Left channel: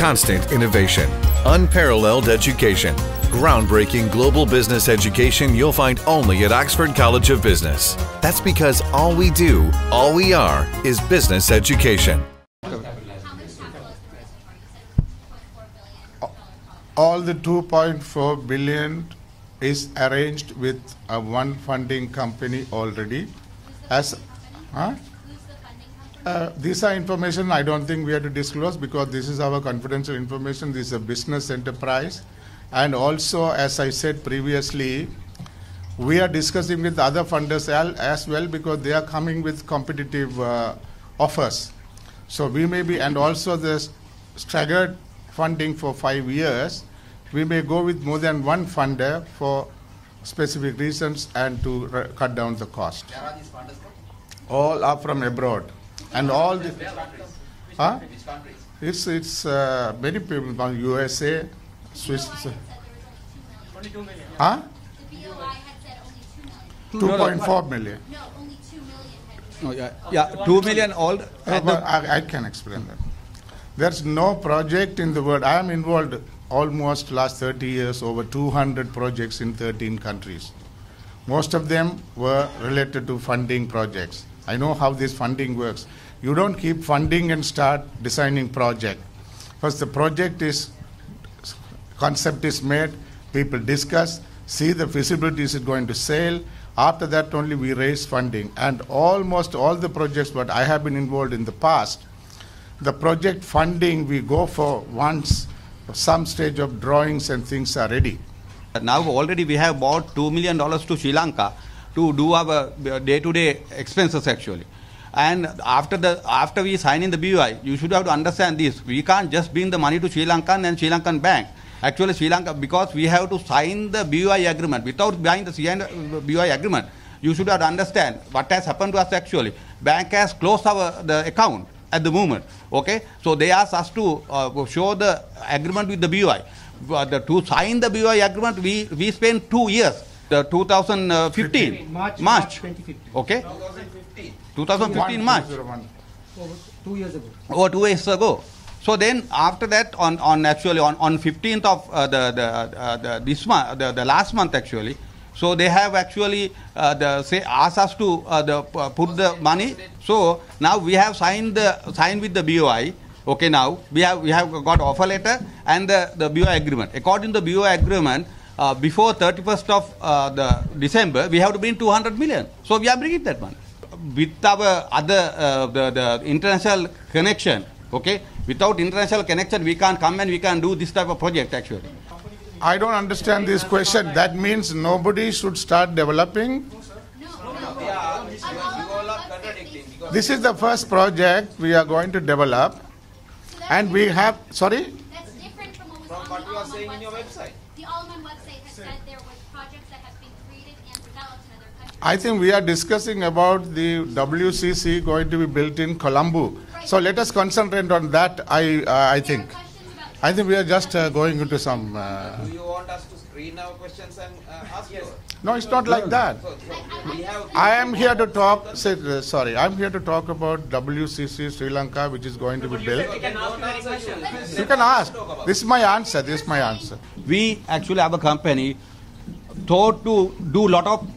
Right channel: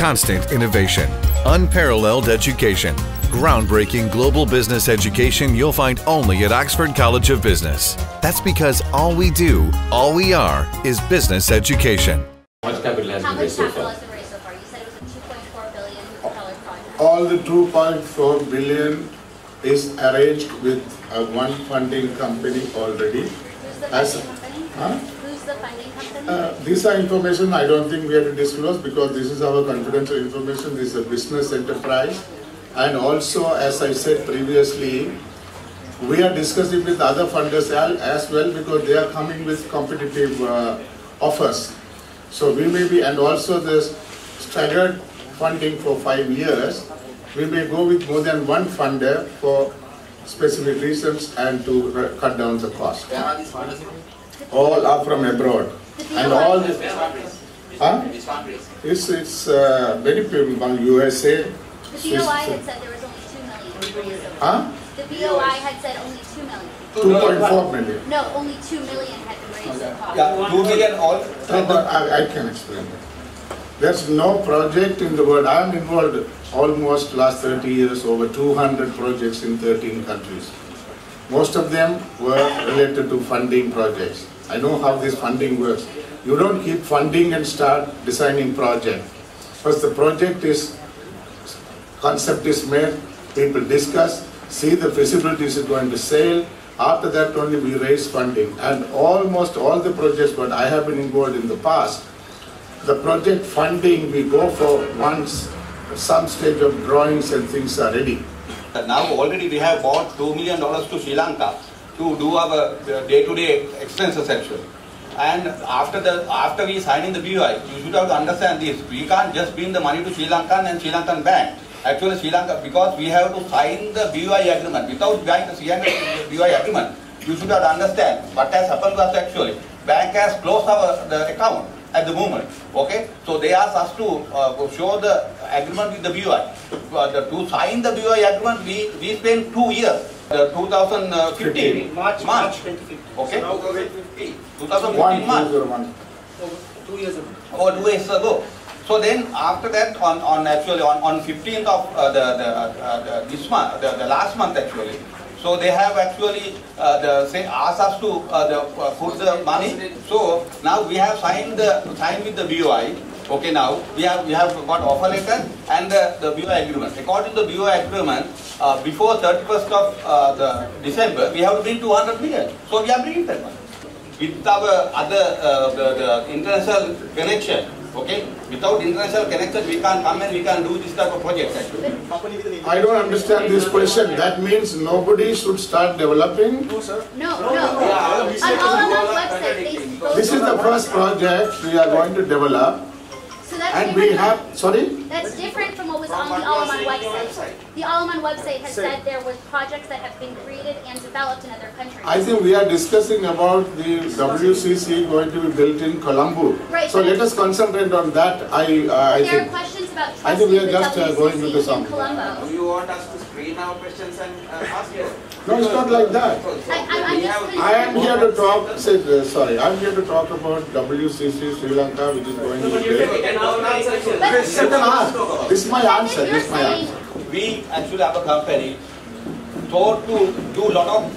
constant innovation, unparalleled education, groundbreaking global business education you'll find only at Oxford College of Business. That's because all we do, all we are, is business education. How much capital has been raised so far? You said it was a $2.4 billion project. All the 2.4 billion is arranged with one funding company already. Who's the funding company? Huh? Who's the funding company? These are information I don't think we have to disclose because this is our confidential information. This is a business enterprise. And also, as I said previously, we are discussing with other funders as well because they are coming with competitive offers. So we may be, and also this staggered funding for 5 years, we may go with more than one funder for specific reasons and to cut down the cost. Where are these funders? All are from abroad. And all the, huh? These countries. It's many people from USA. The BOI had said there was only 2 million. Huh? The BOI had said only 2 million. 2.4 million. No, only 2 million had been raised so far. Yeah, 2 million all. I can explain that. There's no project in the world. I am involved almost last 30 years, over 200 projects in 13 countries. Most of them were related to funding projects. I know how this funding works. You don't keep funding and start designing project. First the project is, concept is made, people discuss, see the feasibility is going to sail. After that only we raise funding. And almost all the projects that I have been involved in the past, the project funding we go for once some stage of drawings and things are ready. Now already we have bought $2 million to Sri Lanka to do our day-to-day expenses actually. And after we sign in the BOI, you should have to understand this. We can't just bring the money to Sri Lankan and Sri Lankan bank. Actually Sri Lanka, because we have to sign the BOI agreement. Without buying the BOI agreement, you should have to understand what has happened to us actually. Bank has closed the account at the moment. Okay, so they asked us to show the agreement with the BOI. To sign the BOI agreement, we spent 2 years. 2015 March 2015. Okay. 2015 March. 2 years ago. Over 2 years ago. So then after that, on 15th of this month, the last month actually. So they have actually asked us to put the money. So now we have signed with the BOI. Okay, now we have got offer letter and the BOI agreement. According to the BOI agreement, before 31st of the December, we have to bring 200 million. So we are bringing that one. With our other the international connection, okay. Without international connection, we can't come and we can do this type of project actually. I don't understand this question. That means nobody should start developing? No, sir. No. On Alaman's website, This is the first project we are going to develop. So that's And we different. have, sorry? That's different from what was on the Alaman website. The Alaman website has said there was projects that have been created and developed in other countries. I think we are discussing about the WCC going to be built in Colombo. Right. So let us concentrate on that. I There think. are questions about I think we are trusting just the going WCC into in some. Colombo. Do you want us to screen our questions and ask you? No, it's not like that. I'm just I am here to talk. Sorry, I'm here to talk about WCC Sri Lanka, which is going to be built. You can ask. This is my answer. This is my answer. We actually have a company thought to do a lot of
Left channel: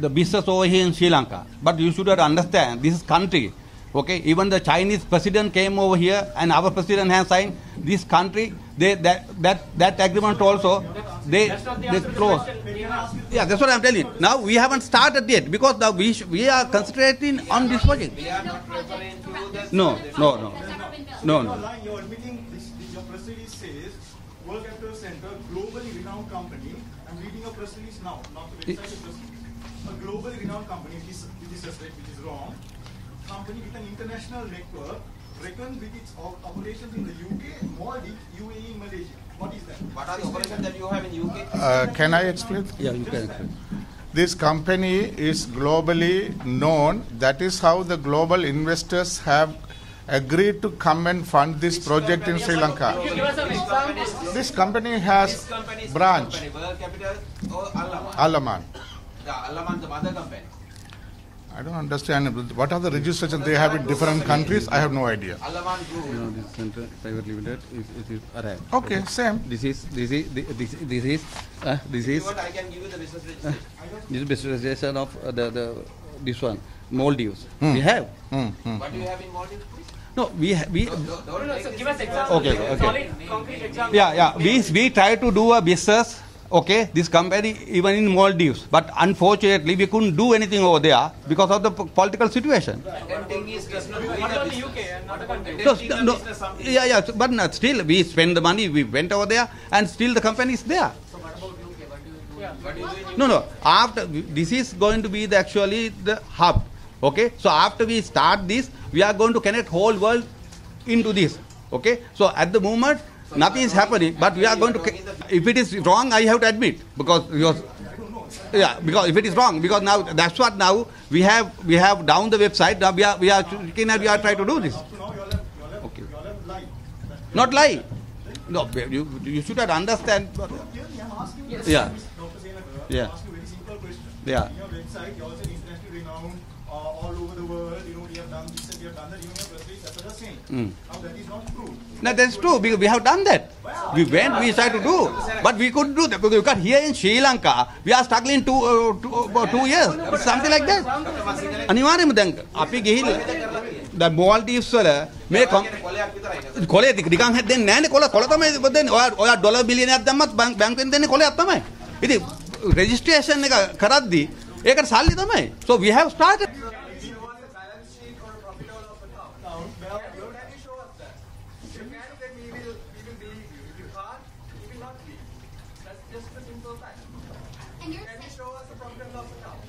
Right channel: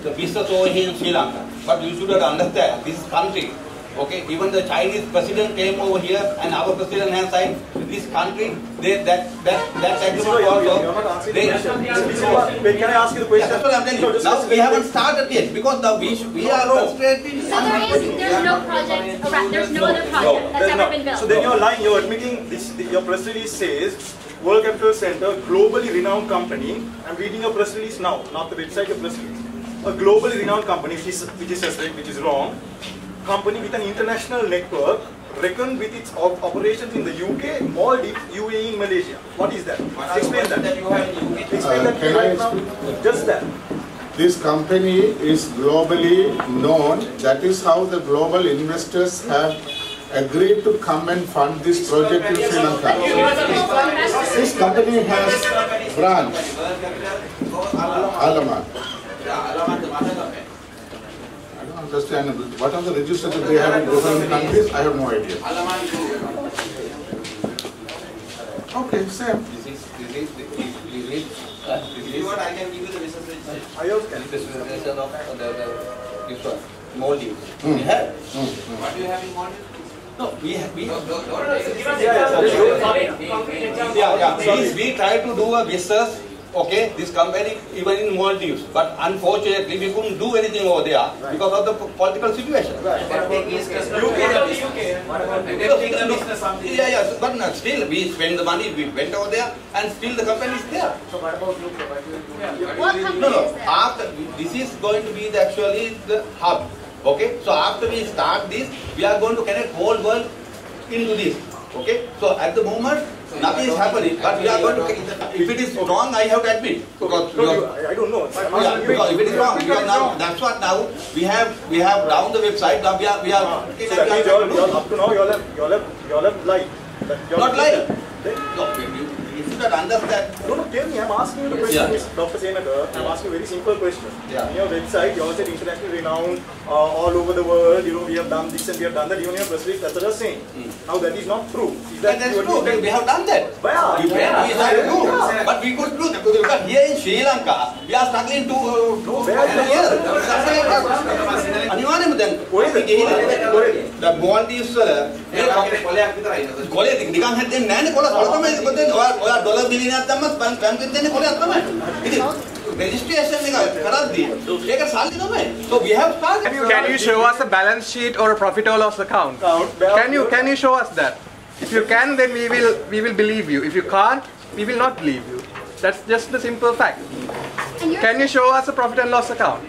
the business over here in Sri Lanka. But you should understand, this is country. Okay, even the Chinese president came over here and our president has signed this country. That agreement also they close. Can I ask you the question? Yeah, that's what I'm telling you. Now we haven't started yet because now we are concentrating on this project. There's no project around, there's no other project that's ever been built. So then you're lying, you're admitting this, your press release says World Capital Center, globally renowned company. I'm reading your press release now, not the website of press release. A globally renowned company, which is wrong. Company with an international network, reckoned with its operations in the UK, Maldives, UAE, in Malaysia. What is that? Explain that. Can I explain? Just that. This company is globally known. That is how the global investors have agreed to come and fund this project in Sri Lanka. This company has branch, Alaman. I don't understand. What are the registrations they have in different countries? I have no idea. Okay, same. This is What I can give you the business registration. this registration of this one, Maldives. We have. What do you have in Maldives? No, we Give us we try to do a business, okay, this company even in Maldives, but unfortunately we couldn't do anything over there because of the political situation. But still we spend the money, we went over there and still the company is there. What company No, is that? after this is going to be actually the hub. Okay, so after we start this, we are going to connect whole world into this. Okay, so at the moment nothing is happening, but we are going to. If it is wrong, I have to admit because I don't know. yeah, because if it is wrong, because now that's what now we have down the website. Now we are looking and we are trying to do this. Up to now, you all have lied. Not lying. No, you should understand. No, tell me, I'm asking you the question, Yeah. Dr. Senator. I'm Yeah. asking a very simple question. Yeah. In your website, you all said internationally renowned, all over the world, we have done this and we have done that. Even your press release, that's what you're saying. Now that is not true. Is That's true. We have done that. Yeah. We went, we tried to do, but we couldn't do that because here in Sri Lanka, we are struggling for 2 years, something like that. අනිවාර්යයෙන්ම දැන් අපි ගිහිල්ලා දැන් Maldives වල මේ කොලේ නිකන් හැදෙන්නේ නැහැ නේ කොල තමයි දෙන්නේ. ඔයා ඩොලර් බිලියනයක් දැම්මත් බැංකුවෙන් දෙන්නේ කොලයක් තමයි. ඉතින් registration එක කරද්දී ඒක සල්ලි තමයි. So we have started. Can you show us a balance sheet or a profit or loss account? Can you show us that? If you can, then we will believe you. If you can't, we will not believe you. That's just the simple fact. And you're Can you show us a profit and loss account?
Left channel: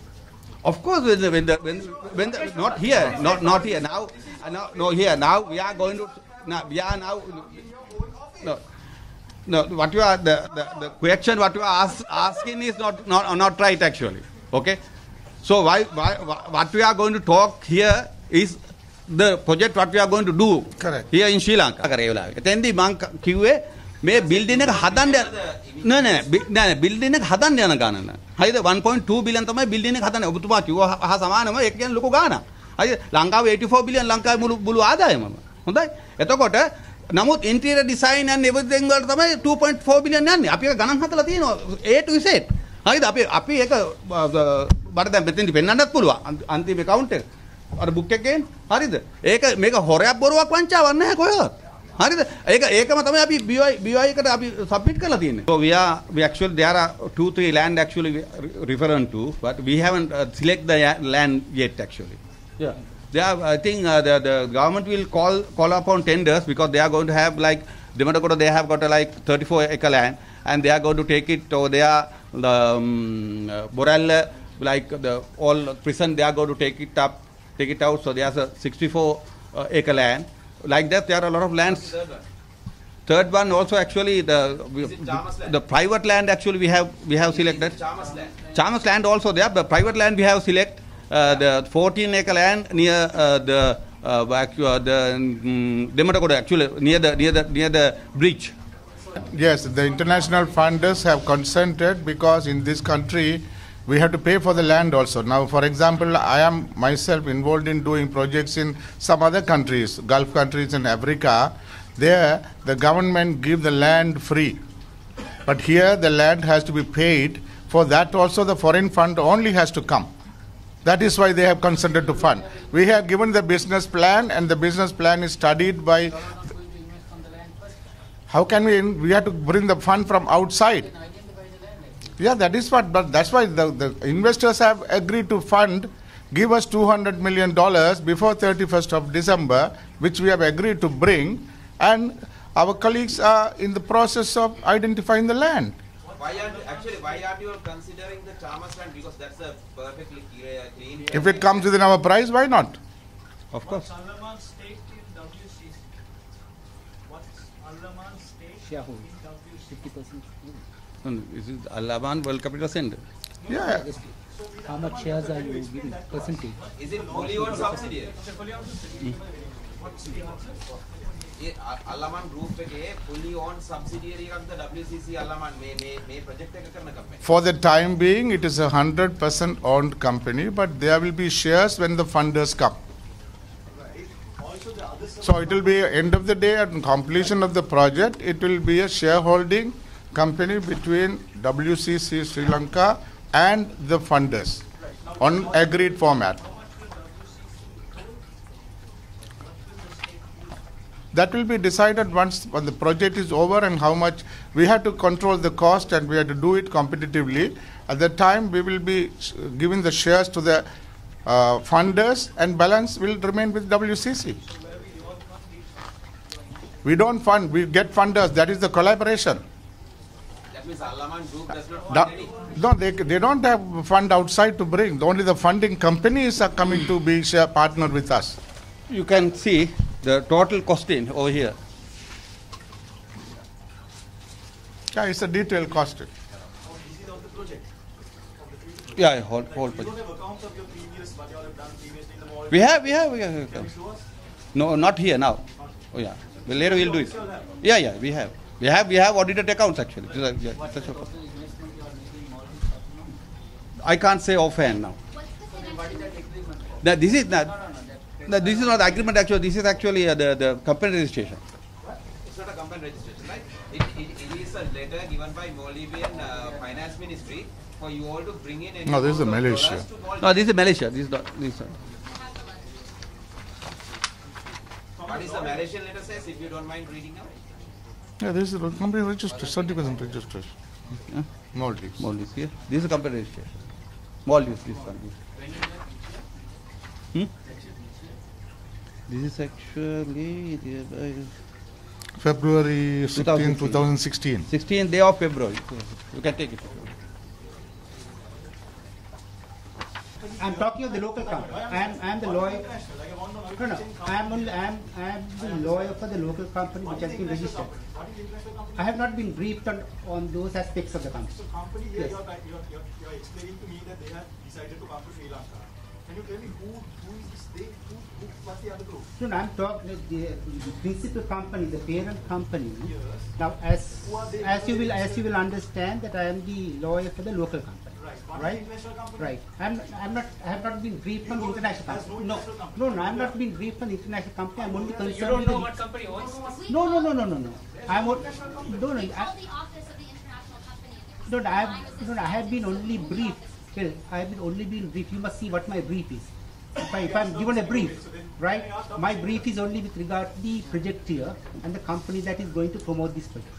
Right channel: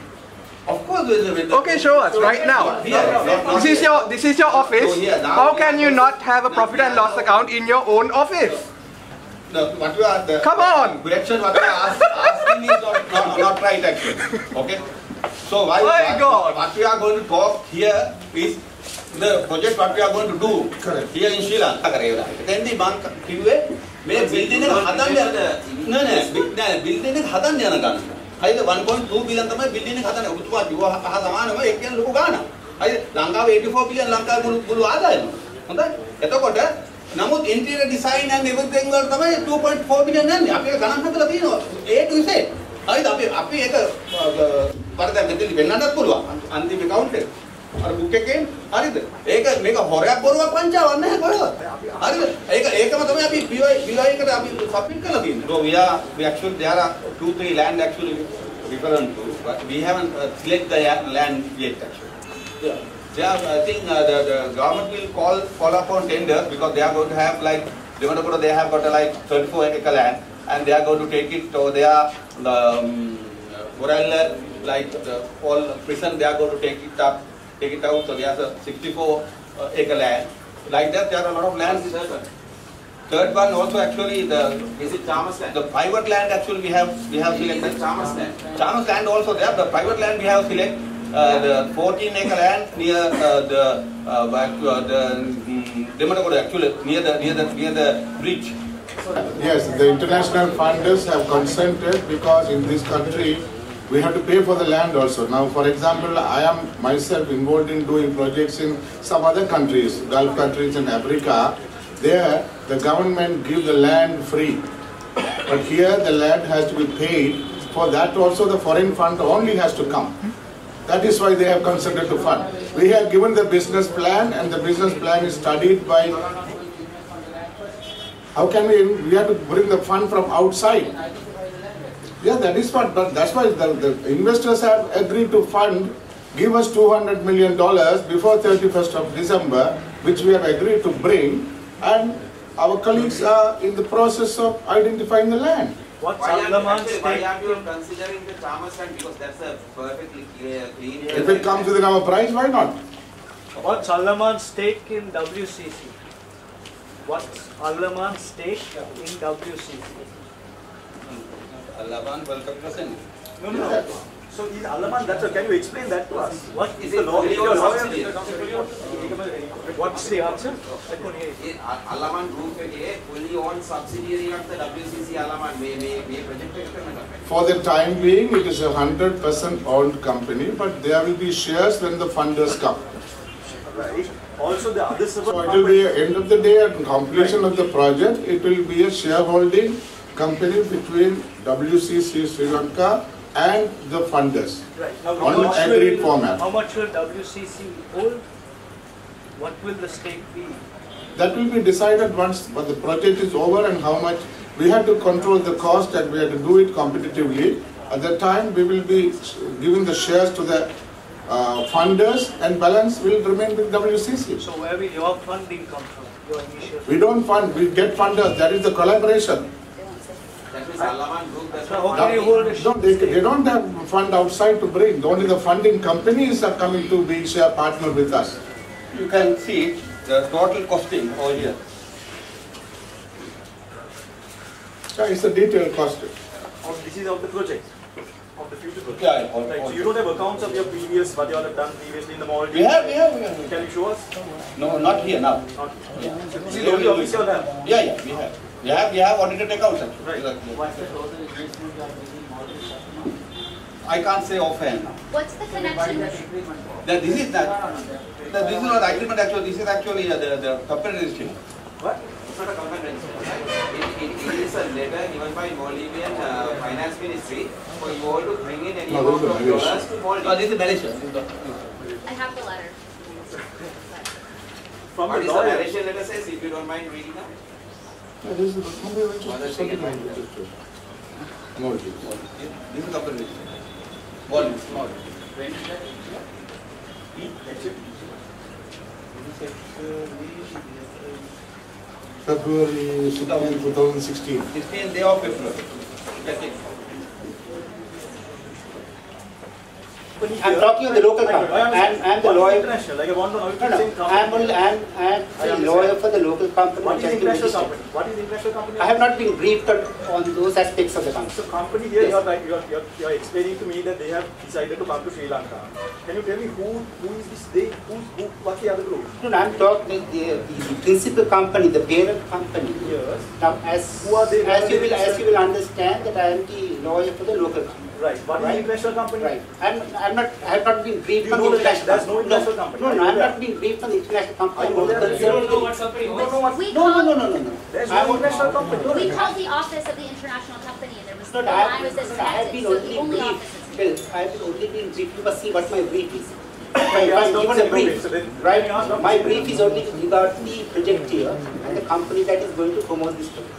Of course, with the Okay, show us right now. Not here. Not This is your office. So here, now How we can are you going not to- have a now profit we and are loss now- account in your own office? No, what you are the Come on. question what you are asking is not right actually. Okay, so My God. what we are going to talk here is the project what we are going to do Correct. here in Sri Lanka. එතෙන්දී මම කිව්වේ මේ building එක හදන්න නෑ building එක හදන්න යන ගණන. හරිද 1.2 billion තමයි building එක හදන්නේ. ඔබතුමා කිව්වා හා සමානව ඒක කියන්නේ ලොකු ගාණක්. හරිද ලංකාවේ 84 billion ලංකාවේ මුළු ආදායම. හොඳයි. එතකොට නමුත් interior design and everything වල තමයි 2.4 billion යන්නේ. අපි ඒක ගණන් හදලා තියෙනවා A to Z. හරිද අපි ඒක බරද මෙතෙන්දි වෙන්නන්නත් පුළුවන්. අන්තිම account එක. අර book එකෙන් හරිද? ඒක මේක හොරයක් බොරුවක් වංචාවක් නැහැ කොහෙවත්. හරිද? ඒකම තමයි අපි BOI එකට අපි සබ්මිට් කරලා තියෙන්නේ. So we actually there are 2-3 land actually referring to, but we haven't select the land yet actually. Yeah. They are, I think the government will call upon tenders because they are going to have like Derana, they have got like 34-acre land and they are going to take it over there. Borella, like the all prison, they are going to take it out. So there's a 64-acre land. Like that, there are a lot of lands. Third one also actually the private land actually we have selected. Chalmers land also there. The private land we have selected. The 14-acre land near the Derana actually near the bridge. Yes, the international funders have consented because in this country we have to pay for the land also. Now, for example, I am myself involved in doing projects in some other countries, Gulf countries in Africa. There, the government gives the land free. But here, the land has to be paid. For that also, the foreign fund only has to come. That is why they have consented to fund. We have given the business plan, and the business plan is studied by. How can we have to bring the fund from outside? Yeah, that is what, but that's why the investors have agreed to fund, give us $200 million before 31st of December, which we have agreed to bring, and our colleagues are in the process of identifying the land. Why aren't you considering the Chalmers land, because that's a perfectly clean area? If it comes within our price, why not? What's Allaman's stake in WCC? What's Allaman's stake in WCC? Allaman World Capital Center. Yeah. So in Allaman, can you explain that to us? What Is is it the law? fully owned subsidiary? What's the answer? Allaman Group එකේ fully owned subsidiary of the WCC Allaman මේ project එක කරන company. For the time being, it is a 100% owned company, but there will be shares when the funders come. Right. All also the other seven. So it will be end of the day and completion of the project. It will be a shareholding company between WCC Sri Lanka and the funders on agreed format. How much will WCC hold? What will the stake be? That will be decided once when the project is over and how much. We have to control the cost and we have to do it competitively. At that time, we will be giving the shares to the funders and balance will remain with WCC. So where will your funding come from? Your initial We don't fund, we get funders. That is the collaboration. That means Allaman Group does How not. can you hold a No, they don't have fund outside to bring. Only the funding companies are coming to be share partner with us. You can see the total costing over here. Yeah, it's a detailed cost. This is of the project, of the future project. Yeah, So you don't have accounts of your previous, what you all have done previously in the mall? We have. Can you show us? No, not here now. Not. Oh, yeah. So Later you we'll do obviously all it. have. Yeah, we have audited accounts actually. Right. I can't say offhand now. What's the connection? This is not the agreement actually. This is actually the company registration. What? It's not a company registration, right? It is a letter given by Maldivian Finance Ministry for you all to bring in any No, this is amount of Malaysia. dollars to Maldives. No, this is Malaysia. This is not. I have the letter. From What the is the lawyer. Malaysian letter says, if you don't mind reading out? Yeah, this is the company registered, certificate registered. Maldives. Maldives. Yeah. This is company registration. Maldives. This is actually February 16, 2016. 16th day of February. You can take it. I'm talking of the local company. I'm the lawyer. International, like I want to know if No, you're saying company. I'm the lawyer for the local company. What is which has been international registered. company? What is international company? I have not been briefed on those aspects of the company. So company here, Yes. you're explaining to me that they have decided to come to Sri Lanka. Can you tell me who is this they? What's the other group? No, I'm talking the principal company, the parent company. Yes. Now, Who are they? as you will understand that I am the lawyer for the local company. Right. What is Right. the international company? Right. I have not been briefed You on know the that international there's no company. international company. No, Are I'm you not aware? being briefed on the international company. I know that. concerned You don't know with what company. You don't know what. We No. There's I no want- international company. We called the office of the international company. There was No, the line was disconnected, I have been so the only only briefed. office is Well, I have only been briefed. You must see what my brief is. If Yes, I'm don't given say a brief, so then- right? then ask My them. brief is only with regard to the project here and the company that is going to promote this project.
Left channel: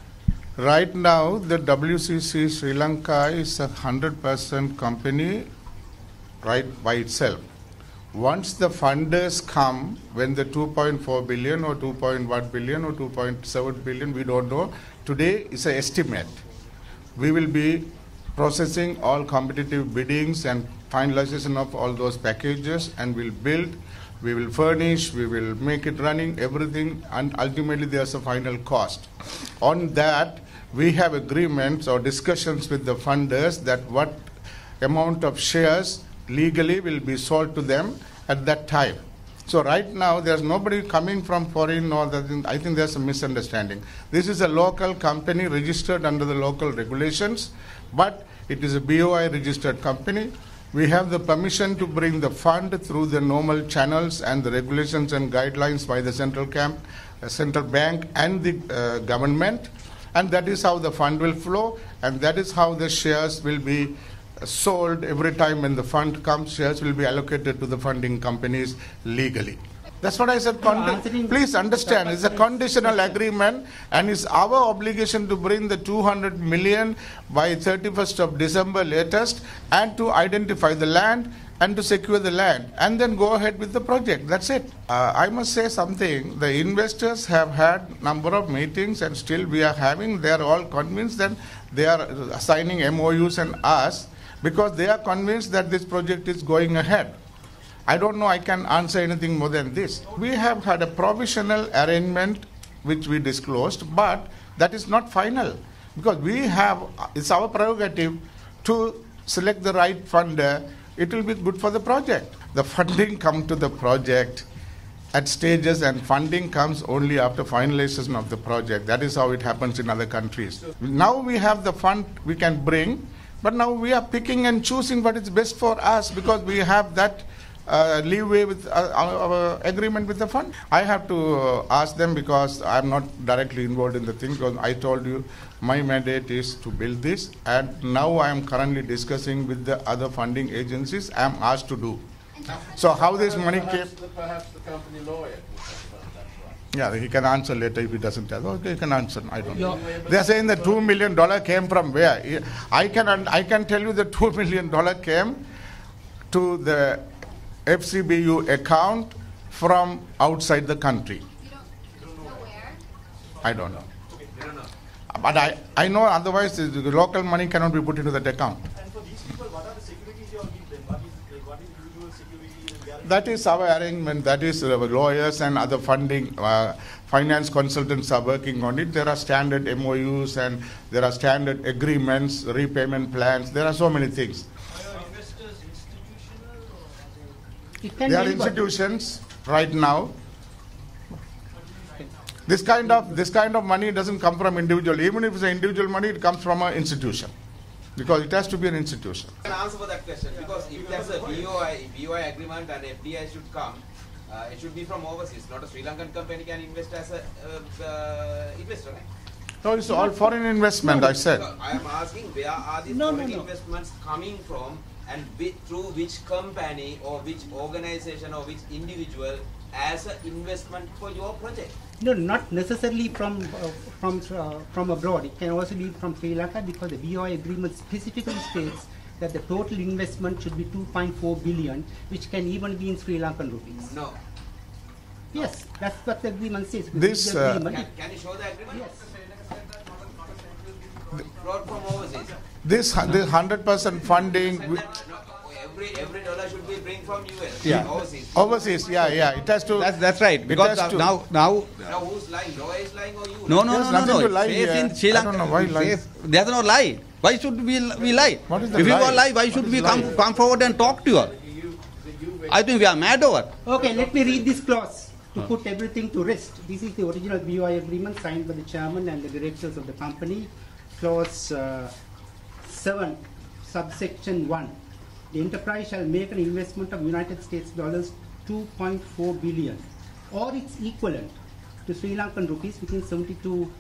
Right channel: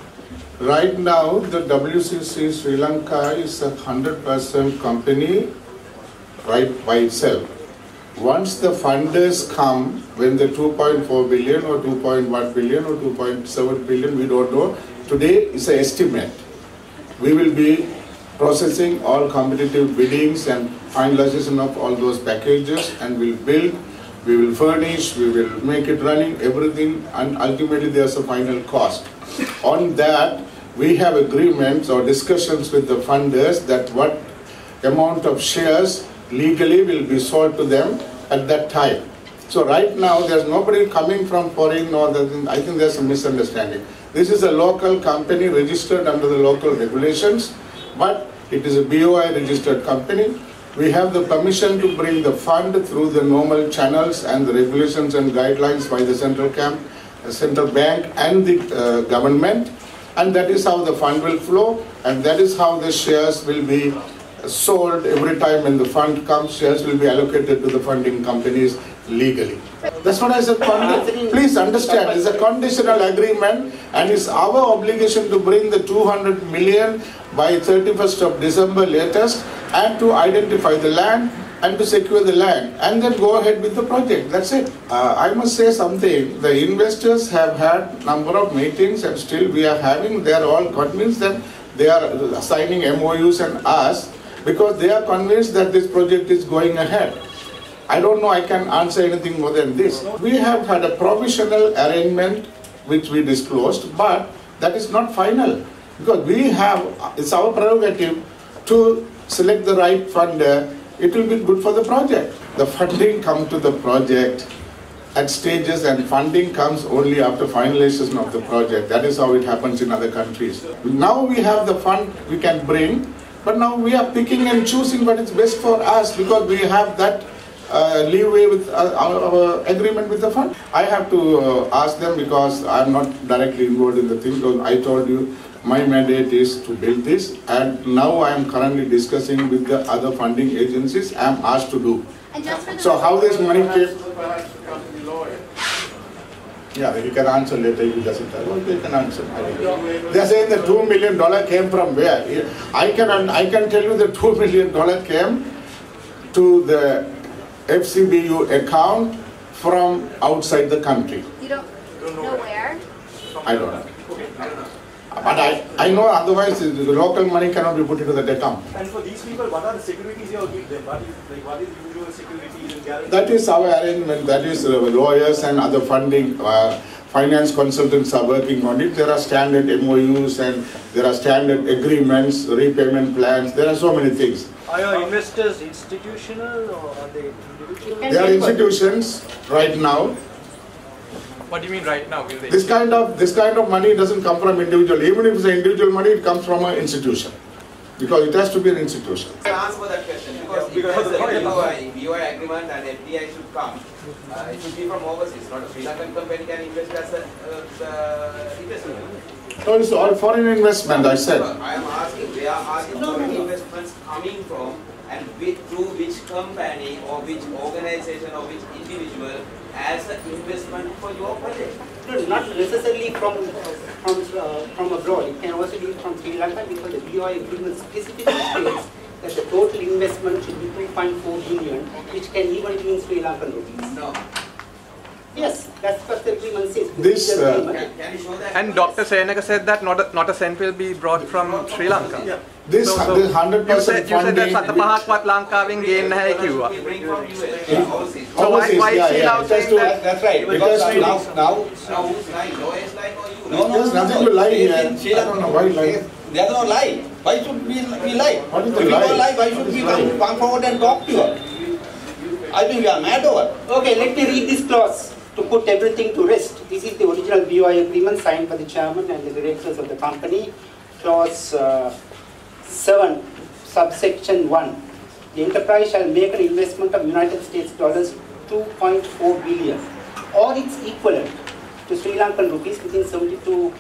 Right now, the WCC Sri Lanka is a 100% company right by itself. Once the funders come, when the 2.4 billion or 2.1 billion or 2.7 billion, we don't know. Today is an estimate. We will be processing all competitive biddings and finalization of all those packages, and we'll build, we will furnish, we will make it running, everything, and ultimately there's a final cost. On that, we have agreements or discussions with the funders that what amount of shares legally will be sold to them at that time. So right now, there's nobody coming from foreign or I think there's a misunderstanding. This is a local company registered under the local regulations, but it is a BOI registered company. We have the permission to bring the fund through the normal channels and the regulations and guidelines by the central bank and the government. And that is how the fund will flow, and that is how the shares will be sold every time when the fund comes. Shares will be allocated to the funding companies legally. That's what I said. Please understand, it's a conditional agreement, and it's our obligation to bring the 200 million by 31st of December latest, and to identify the land and to secure the land, and then go ahead with the project. That's it. I must say something. The investors have had number of meetings, and still we are having. They are all convinced that they are signing MOUs and us, because they are convinced that this project is going ahead. I don't know, I can answer anything more than this. We have had a provisional arrangement which we disclosed, but that is not final, because we have, it's our prerogative to select the right funder. It will be good for the project. The funding comes to the project at stages, and funding comes only after finalization of the project. That is how it happens in other countries. Now we have the fund we can bring, but now we are picking and choosing what is best for us, because we have that leeway with our agreement with the fund? I have to ask them because I am not directly involved in the thing. Because I told you my mandate is to build this, and now I am currently discussing with the other funding agencies. I am asked to do. And just for the So how this money came? Yeah, you can answer later if it doesn't tell. Well, they can answer. They are saying the $2 million came from where? I can tell you the $2 million came to the FCBU account from outside the country. You don't know where? I don't know. But I know otherwise the local money cannot be put into that account. And for these people, what are the securities you give them? What is usual security and guarantee? That is our arrangement. That is lawyers and other funding, finance consultants are working on it. There are standard MOUs and there are standard agreements, repayment plans. There are so many things. Are your investors institutional or are they individual? They are institutions right now. What do you mean right now? Will they? This kind of money doesn't come from individual. Even if it's an individual money, it comes from an institution. Because it has to be an institution. I answer that question because if there's a BOI agreement and FDI should come, it should be from overseas. Not a Sri Lankan company can invest as an investment. So it's all foreign investment, I said. I am asking, they are asking foreign investments coming from and through which company or which organization or which individual as an investment for your project? No, not necessarily from abroad. It can also be from Sri Lanka because the BOI agreement specifically states that the total investment should be 2.4 billion, which can even be in Sri Lankan rupees. No. Yes, that's what the agreement says. This, Can you show that? And Dr. Senaka said that not a cent will be brought from Sri Lanka. Yeah. This 100% You said funding. that සතපහක්වත් ලංකාවෙන් ගේන්න නැහැ කිව්වා. We bring from US, Yeah. overseas. So Overseas, why is yeah, he yeah. now It has saying to- that? That's right. Because Because now Now who's lying? Lawyers lying or you? no. There's nothing to lie Yes, here. in Sri I don't know why Lanka, lie. there's no lie. Why should we lie? What is If the we lie? don't lie, why should What we is come forward and talk to you? I think we are mad over. Okay, let me read this clause to put everything to rest. This is the original BOI agreement signed by the chairman and the directors of the company. Clause 7, subsection 1. The enterprise shall make an investment of United States dollars 2.4 billion or its equivalent to Sri Lankan rupees within 72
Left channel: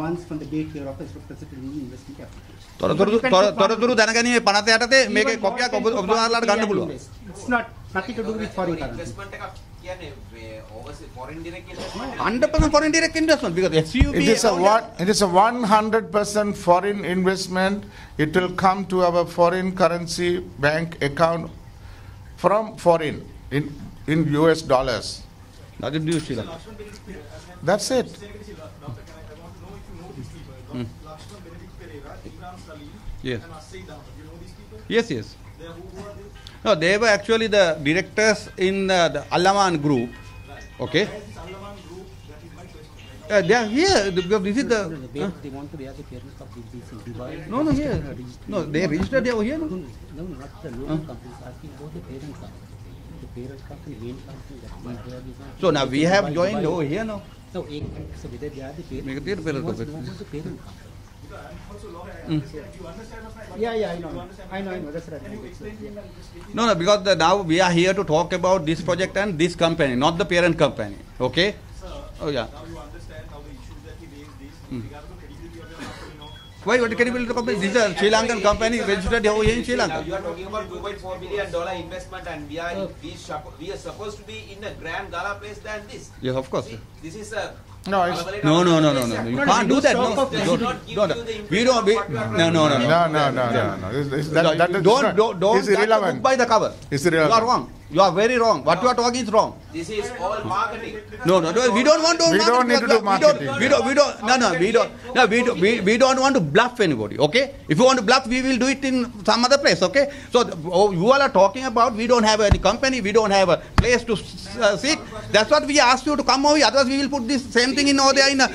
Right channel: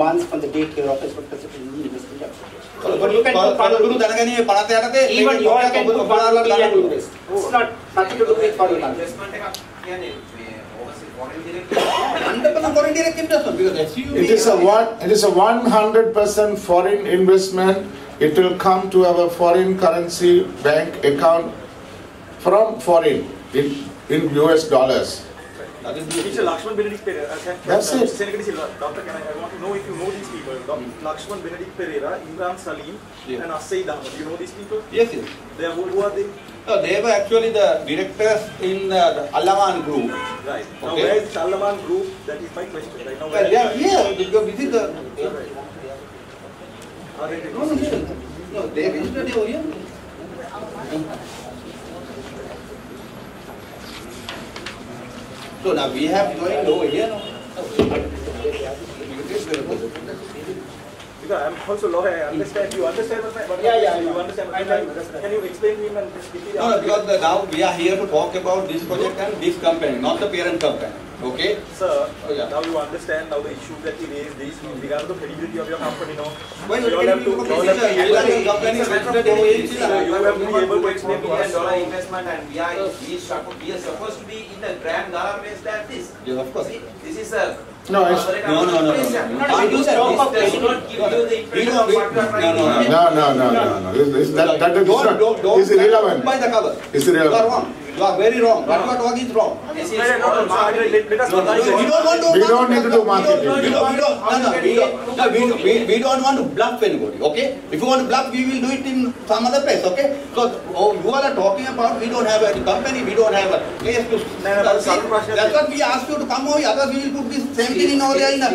months from the date your office was presented in the investment application. You can do තොරතුරු දැනගැනීමේ 58 even you මේක can do ඔබලාට ගන්න පුළුවන්. invest. It's not nothing to do with foreign currency. Investment එකක් කියන්නේ overseas foreign direct 100% foreign direct investment because SUB It is a 100% foreign investment. It will come to our foreign currency bank account from foreign in US dollars. nothing to do It's with a it. Lakshman Benedict Pereira. That's it. Doctor, I want to know if you know these people. Lakshman Benedict Pereira, Imran Salim, Yeah. and Asay Dahmer. Do you know these people? Yes. They are, who are they? No, they were actually the directors in the Allaman group. Right. Okay. Now, where is this Allaman group? That is my question. Right now, They are here. This is the. No, they registered over here. So now we have joined over here now. because I'm also lawyer. I understand. You understand what I Yeah, You I know. understand what I know, that's right. Can you explain to him and just give me No, because now we are here to talk about this project and this company, not the parent company. Okay? Sir, Oh, yeah. now you understand now the issue that he raised this regarding the credibility of your company. No? Why You can have you to- look you at have this? to- Sri Lankan company is registered over here in Sri Lanka. You have to be able to explain $1 to us. million investment and we are supposed to be in the grand gala place than this. Yes, of course. See, this is a No, it's- No. You can't do that. This does not give you the We don't. impression No. No. That is irrelevant. By the cover. It's You are irrelevant. wrong. You are very wrong. What you are talking is wrong. This is all marketing. No, we don't want to. We don't need to do marketing. We don't want to bluff anybody. Okay? If you want to bluff, we will do it in some other place. Okay? So you all are talking about we don't have a company, we don't have a place to see. That's what we asked you to come over here. Otherwise, we will put this same thing in over there in the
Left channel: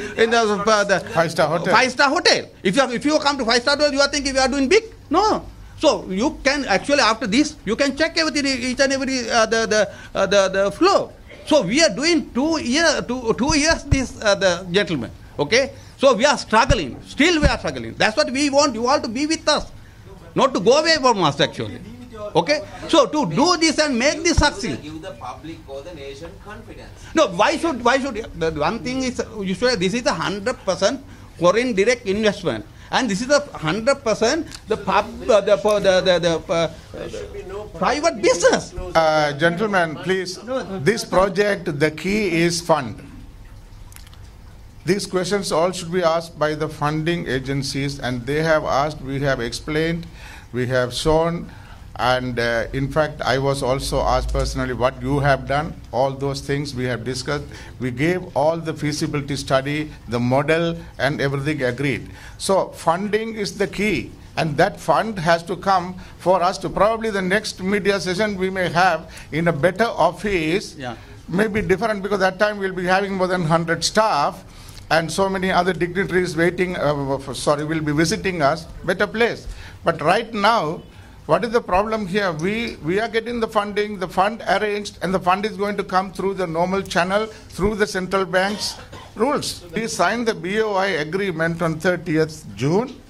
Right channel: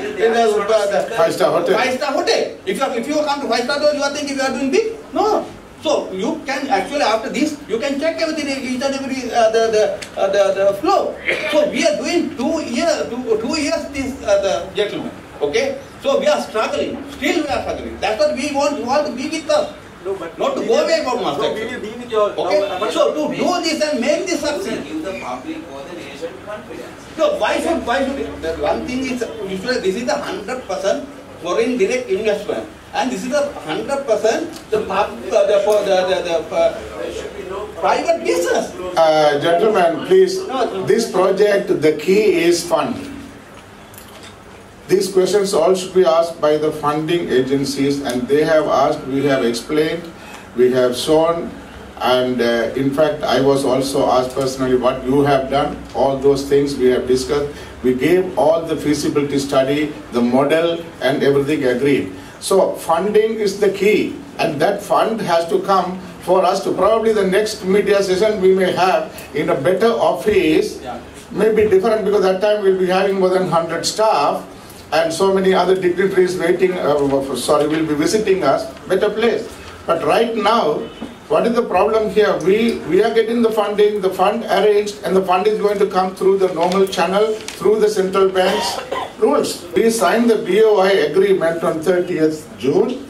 Five-star hotel. Five-star hotel. If you come to five-star hotel, you are thinking we are doing big? No. So you can actually after this you can check everything each and every the flow. So we are doing 2 years this the gentleman. Okay. So we are struggling. Still we are struggling. That's what we want. You want to be with us. not to go away from us actually. Okay? So to do this and make this succeed. Give the public or the nation confidence. No, why should the one thing is usually this is the 100% foreign direct investment, and this is the 100% the private business. Gentlemen, please, this project, the key is fund. These questions all should be asked by the funding agencies, and they have asked, we have explained, we have shown, and in fact, I was also asked personally what you have done. All those things we have discussed. We gave all the feasibility study, the model, and everything agreed. So funding is the key, and that fund has to come for us to probably the next media session we may have in a better office, maybe different, because that time we'll be having more than 100 staff and so many other dignitaries waiting, will be visiting us, better place. But right now, what is the problem here? We are getting the funding, the fund arranged, and the fund is going to come through the normal channel, through the central bank's rules. We signed the BOI agreement on 30th June.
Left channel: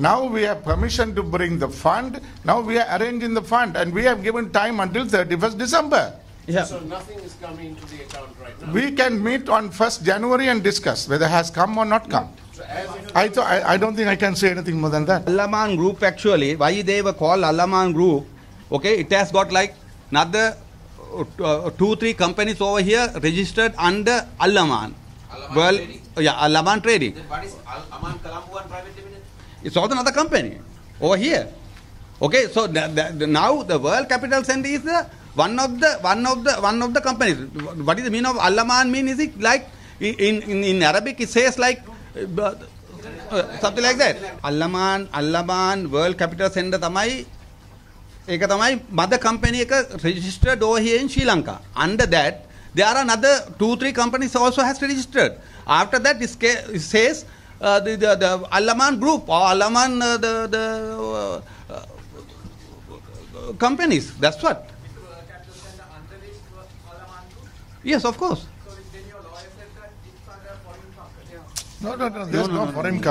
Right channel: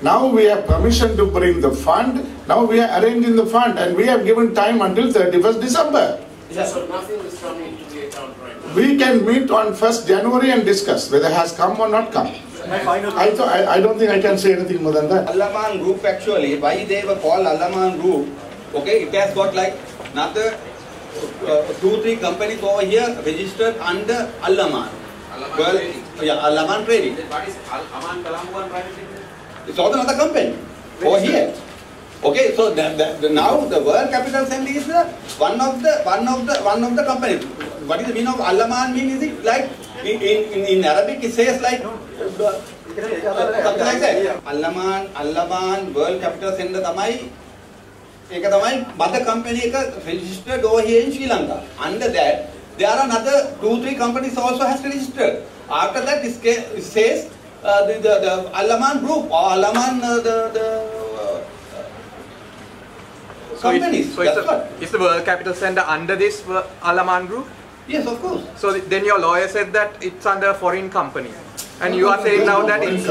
Now we have permission to bring the fund. Now we are arranging the fund, and we have given time until 31st December. Yeah. So nothing is coming to the account right now. We can meet on 1st January and discuss whether it has come or not come. I don't think I can say anything more than that. Allaman Group actually, why they were called Allaman Group, okay, it has got like another 2-3 companies over here registered under Allaman. Well, yeah, Allaman Trading. What is Aman Colombo and Private Limited? It's also another company over here. Okay, so now the World Capital Center is one of the companies. What is the meaning of Allaman? Mean is it like in Arabic it says like something like that. Allaman World Capital Center tamai eka tamai mother company eka registered over here in Sri Lanka. Under that there are another 2-3 companies also has registered. After that it says the Allaman Group or Allaman companies. So that's what. Is the World Capital Center under this Allaman Group? Yes, of course. So then your lawyer said that it's under a foreign company. And you are saying now that it's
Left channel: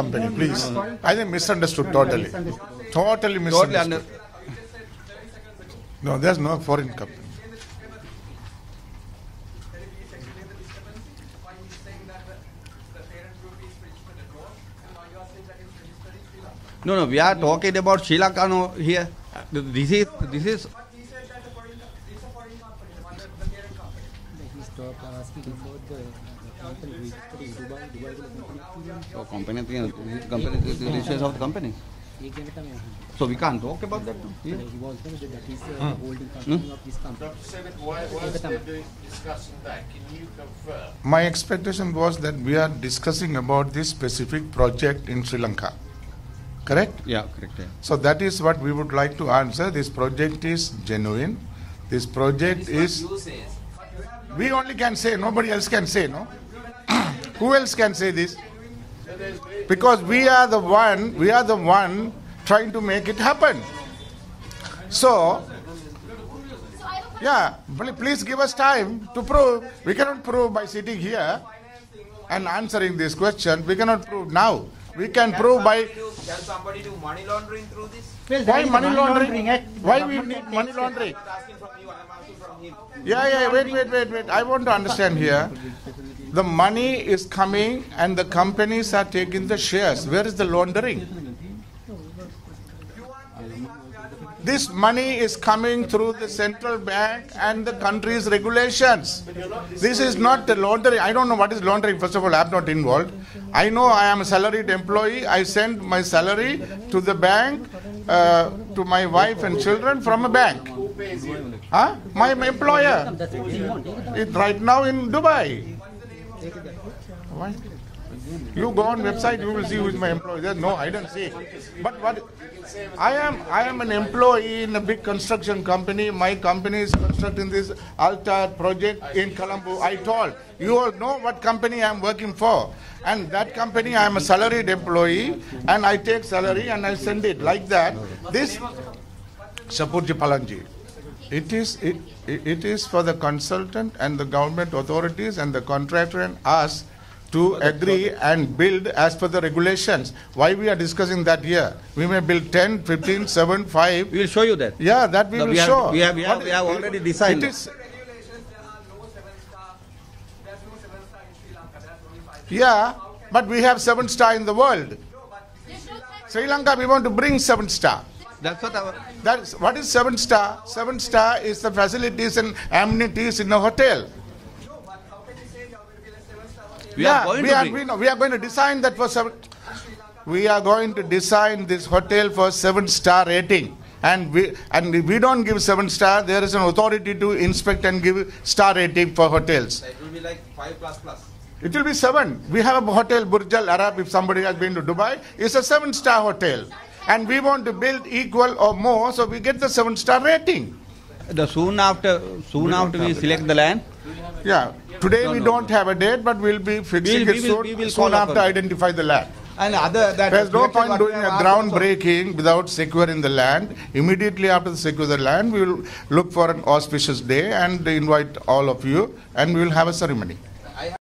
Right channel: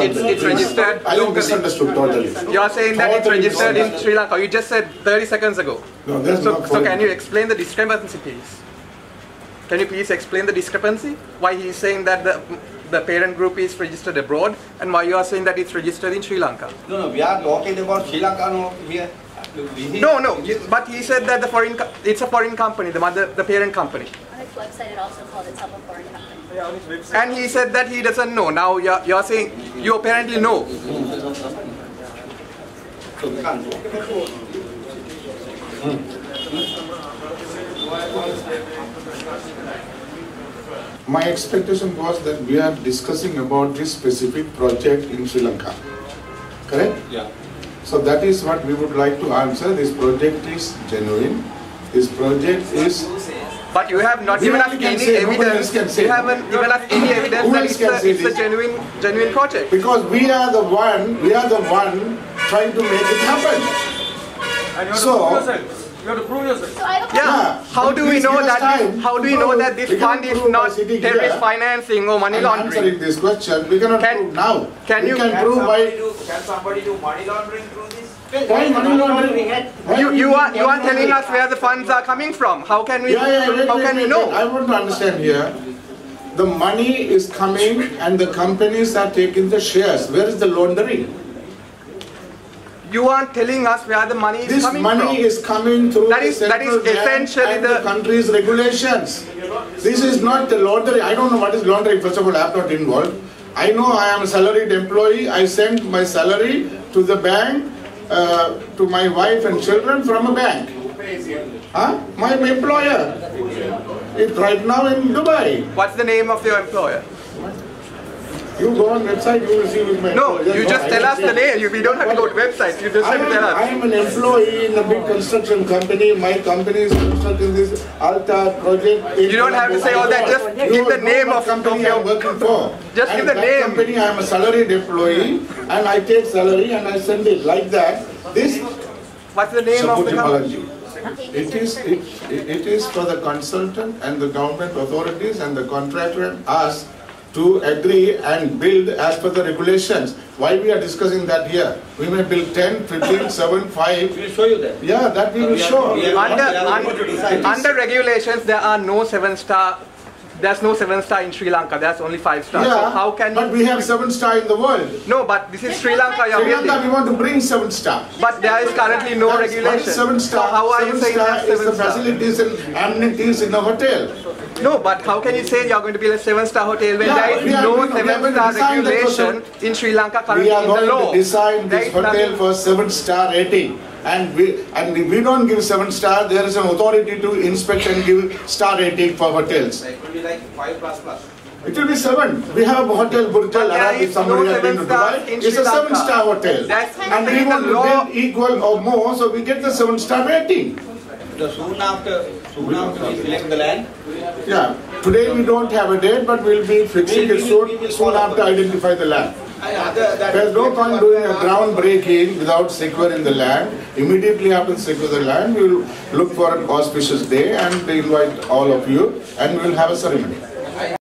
registered. I misunderstood totally. You are saying that it's registered in Sri Lanka. You just said 30 seconds ago. No, there's no So can you explain the discrepancy, please? Can you please explain the discrepancy? Why he is saying that the parent group is registered abroad, and why you are saying that it's registered in Sri Lanka? No, we are talking about Sri Lanka here. But he said that it's a foreign company, the parent company. On its website, it also called itself a foreign company. And he said that he doesn't know. Now you're saying you apparently know. So we can't talk about My expectation was that we are discussing about this specific project in Sri Lanka. Correct? Yeah. So that is what we would like to answer. This project is genuine. This project is... But you have not given us any evidence. You haven't given us any evidence that it's a genuine project. Because we are the one trying to make it happen. And So, you have to prove yourself. So I have a Yeah. How do we know that this fund is not terrorist financing or money I'm laundering? answering this question. We cannot prove now. Can prove by... Can somebody do money laundering through this? Why money laundering? You are telling us where the funds are coming from. How can we know? I want to understand here. The money is coming and the companies are taking the shares. Where is the laundering? You aren't telling us where the money is coming from. This money is coming through the central bank and the country's regulations. This is not the laundering. I don't know what is laundering. First of all, I am not involved. I know I am a salaried employee. I send my salary to the bank, to my wife and children from a bank. Huh? My employer. It's right now in Dubai. What's the name of your employer? You go on website, you will see with my No, employer. you just tell us the name. We don't have to go to websites. You just have to tell I us. am an employee in a big construction company. My company is constructing this Alta project. You don't have to say all that. Just give the name of company I am working for. Just and give the that name. company I am a salaried employee, and I take salary and I send it like that. This What's the name of the company? It is for the consultant and the government authorities and the contractor and us to agree and build as per the regulations. Why we are discussing that here? We may build 10, 15, 7, 5. We will show you that. Yeah, that we will show. Under regulations, there are no 7-star. There's no 7-star in Sri Lanka. There's only 5-star. Yeah, so how can but we have 7-star in the world. No, but this is Sri Lanka. Sri Lanka, we want to bring 7-star. But there is currently no regulation. What is 7-star? So how are you saying 7-star is the 7-star? facilities and amenities in a hotel. No, but how can you say you're going to build a 7-star hotel when Yeah, there is no 7-star regulation in Sri Lanka currently We are in the going law? to design this hotel for 7-star rating. And we don't give 7-star, there is an authority to inspect and give star rating for hotels. It will be like 5++. It will be 7. We have a hotel, Burj Al Arab, if somebody has been to Dubai. It's a 7-star hotel. And we want to build equal or more, so we get the 7-star rating. Soon after we select the land. Yeah, today we don't have a date, but we'll be fixing it soon after identify the land. There's no point doing a groundbreaking without securing the land. Immediately after secure the land, we will look for an auspicious day and invite all of you, and we will have a ceremony.